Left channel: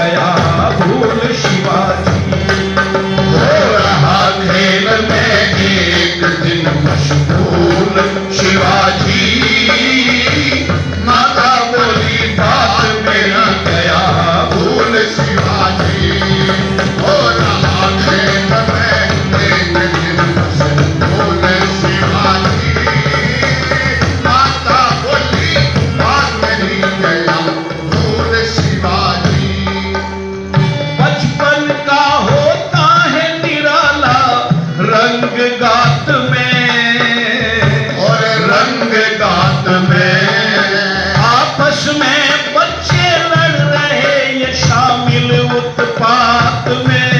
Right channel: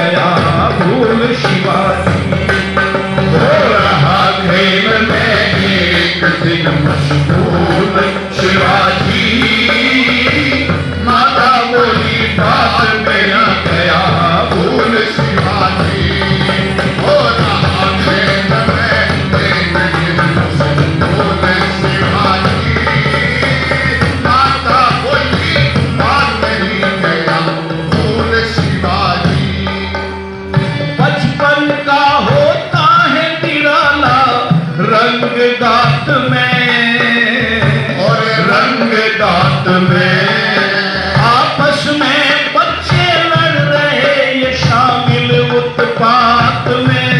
गया भूल शिवाजी। हो रहा खेल में एक दिन मशहूर शिवाजी, माता बोली बात मेरा गया भूल शिवाजी। हो रहा खेल में एक दिन मशहूर शिवाजी, माता बोली बात मेरी गया भूल शिवाजी। बचपन का होता है निराला रंग गात में, और रंग गात में आपस में बच्चे लड़ रहे ये शामिल उत्पात में,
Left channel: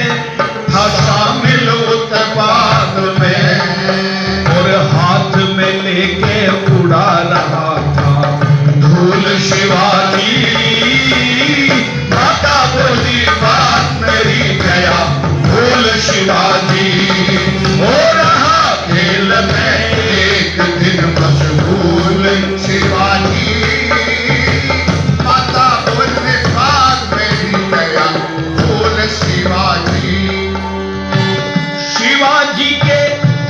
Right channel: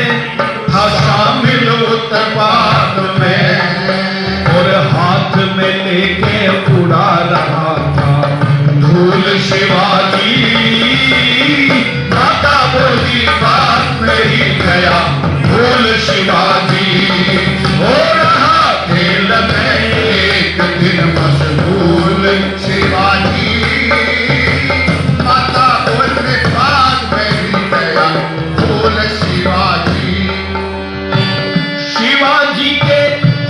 हाँ शामिल उत्पात में। और हाथ में लेके उड़ा रहा था धूल शिवाजी, माता बोली बात मेरी गया भूल शिवाजी। हो रहा खेल में एक दिन मशहूर शिवाजी, माता बोली बात मेरी गया भूल शिवाजी। शिवाजी के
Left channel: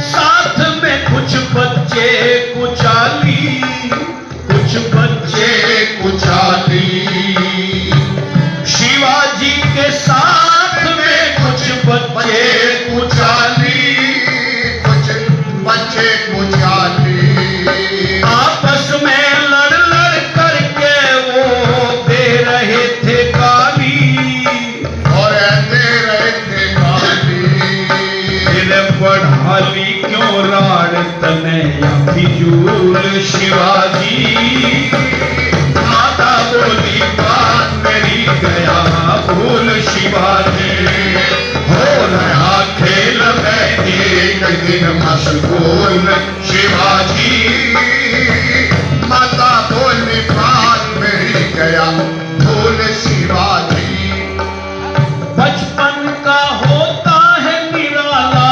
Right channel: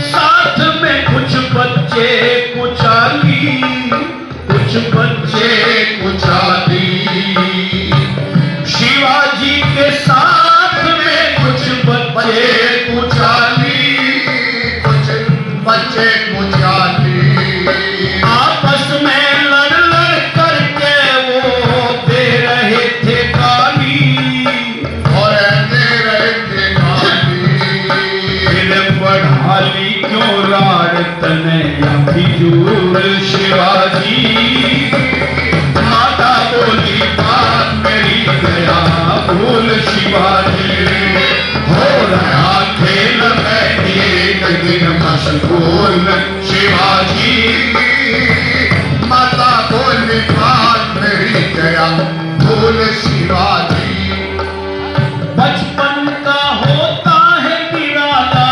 साथ में कुछ बच्चे कुचाली, कुछ बच्चे कुचाली। शिवाजी के साथ में कुछ बच्चे कुचाली, कुछ बच्चे कुचाली। आपस में लड़ लड़ करके वो दे रहे थे गाली, और दे रहे थे गाली। इन्हें बढ़ाली क्यों राड तने फिजूल शिवाजी, माता बोली बात मेरी गया भूल शिवाजी। हो रहा खेल में एक दिन मशहूर शिवाजी, माता बोली बात मेरी गया भूल शिवाजी। बचपन का होता है निराला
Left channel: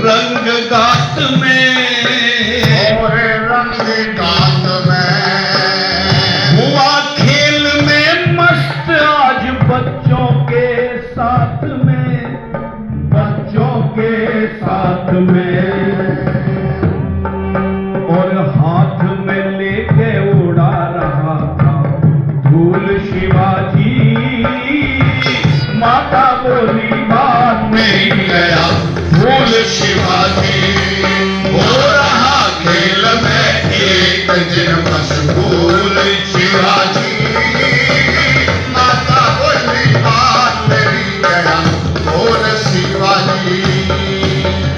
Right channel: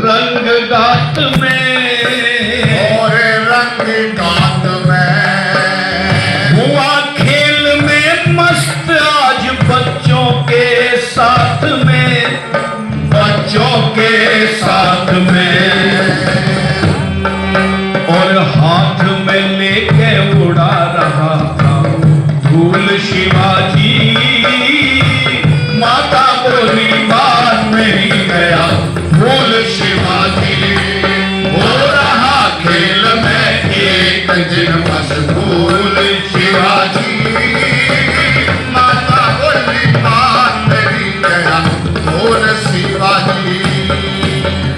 रंग गात में, और रंग गात में हुआ खेल में मस्त आज बच्चों के साथ में, बच्चों के साथ में। और हाथ में लेके उड़ा रहा था धूल शिवाजी, माता बोली बात मेरी गया भूल शिवाजी। हो रहा खेल में एक दिन मशहूर शिवाजी, माता बोली बात मेरी गया भूल शिवाजी।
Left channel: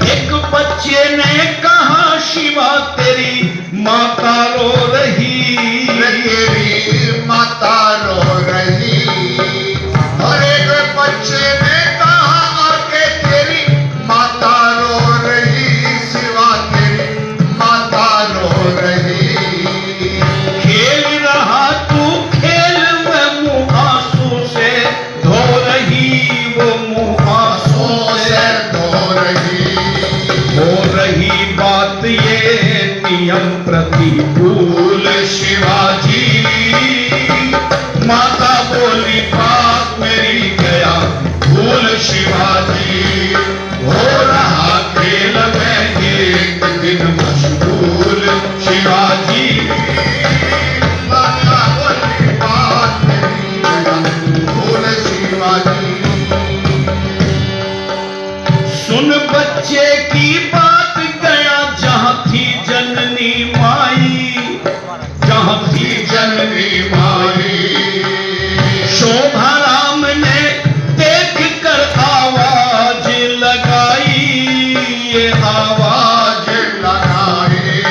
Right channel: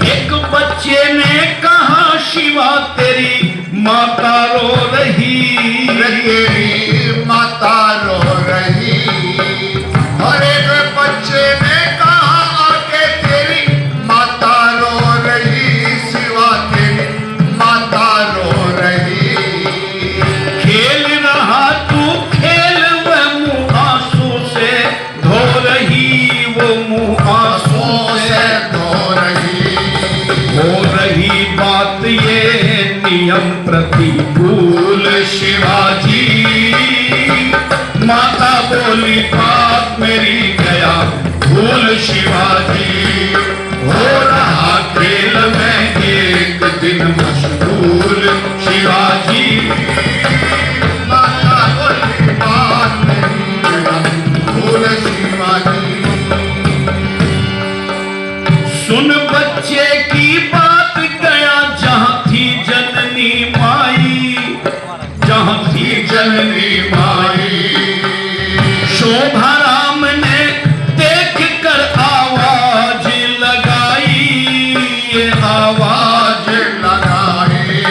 एक बच्चे ने कहा शिवा तेरी माता रो रही, तेरी माता रो रही। और एक बच्चे ने कहा कि तेरी माता रो रही, शिवा तेरी माता रो रही। खेल रहा तू खेल में मुँह आंसू से धो रही, वो मुँह आंसू से धो रही। हो रही बात ये नियम प्रतिकूल शिवाजी, माता बोली बात मेरी गया भूल शिवाजी। हो रहा खेल में एक दिन मशहूर शिवाजी, माता बोली बात मेरी गया भूल शिवाजी। सुन बच्चे की बात गया जहां थी जननी माई, जहां थी जननी माई। शोभा राम ने देख कर आवाज लगाई, ये आवाज लगाई।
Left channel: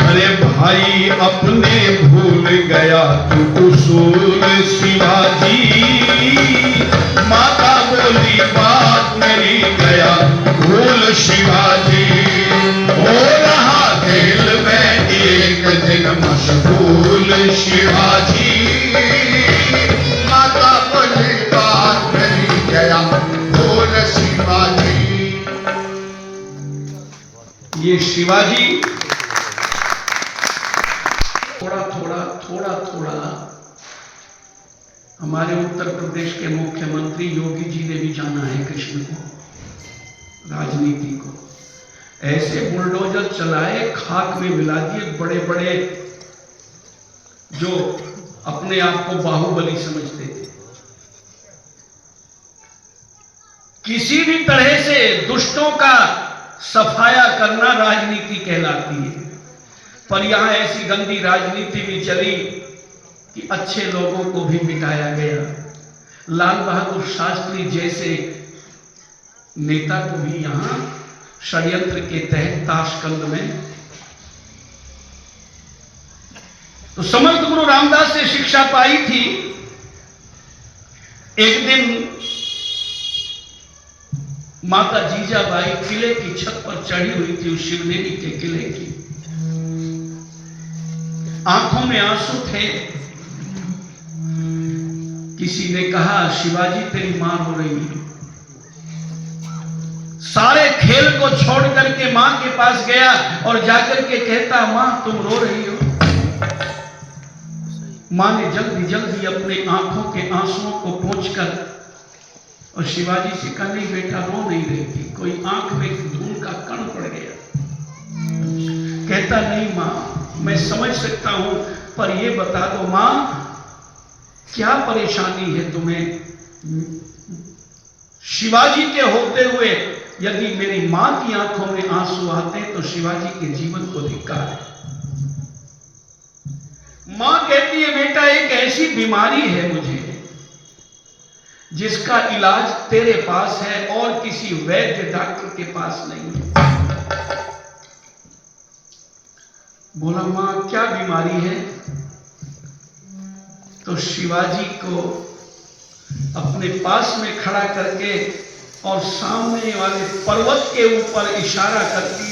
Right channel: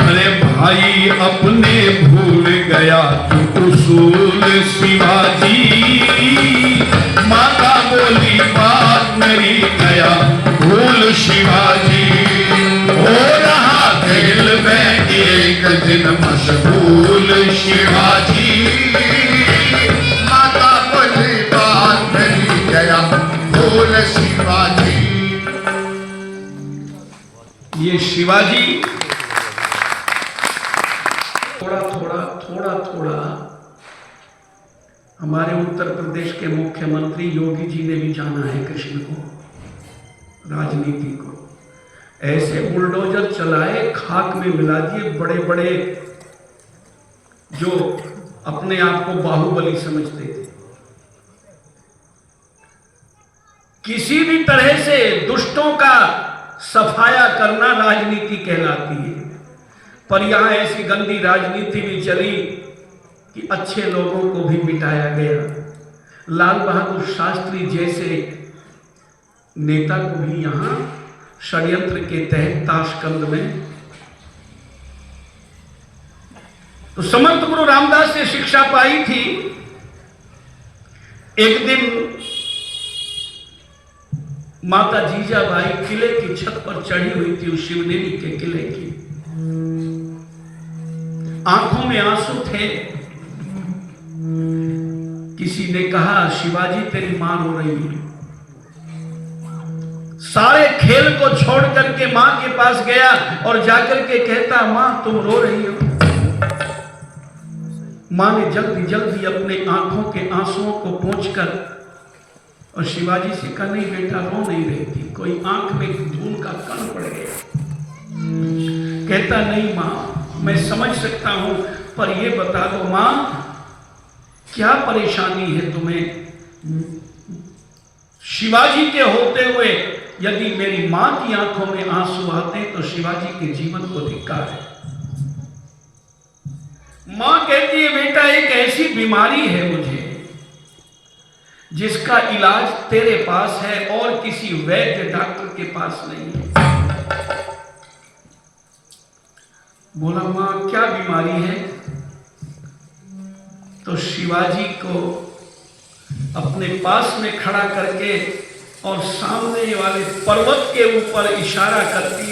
अरे भाई अपने भूल गया तू उसूल शिवाजी, माता बोली बात मेरी गया भूल शिवाजी। हो रहा खेल में एक दिन मशहूर शिवाजी, माता बोली बात मेरी गया भूल शिवाजी। ये शिवाजी थोड़ा थोड़ा हमारे उत्तर प्रदेश के मुख्यमंत्री योगी जी ने भी जाना है कृष्ण को, राजनीति को। ऐसे बुलडोजर चलाए, खाक में मिला दिए बड़े बड़े जो अपने आप को बाहुबली समझते थे। किसी भी तरह से दुष्टों का सफाया करना राजनीति कहलाती है। पर यहां ऐसी गंदी राजनीति भी चली कि अच्छे लोगों को भी मिटाया गया। लाल बहादुर शास्त्री जैसे नेता को भी यहां षड्यंत्र के तहत ताशकंद में। तो समर्थ गुरु रामदास से शिक्षा पाई थी। एक दिन माता जीजाबाई किले की छत पर चढ़ी हुई थी, उस शिवनेरी के किले की। आंखों में आंसू थे। किसी ने कहा, शिवाजी तेरी मां रो रही है। सारे खेल को छोड़ करके मां के पास गया और जाकर के कहता, मां तुम रो रही हो। मां ने जल्दी जल्दी अपने आंखों के आंसुओं को पोंछकर और शिवाजी से कहा, नहीं बेटा रो नहीं रही थी, कोई आंख में धूल का कण पड़ गया। कहता, नहीं मां मैं समझ सकता हूं, पर ये बता दो मां क्या परेशानी है तुम्हें। शिवाजी के होते हुए यदि मेरी मां की आंखों में आंसू आते तो शिवाजी के जीवन को धिक्कार है। मां कहती है, बेटा एक ऐसी बीमारी है मुझे जिसका इलाज तेरे पास है और किसी वैद्य डॉक्टर के पास नहीं है। बोला, मां क्या बीमारी है। तो शिवाजी को अपने पास में खड़ा करके और सामने वाले पर्वत के ऊपर इशारा करती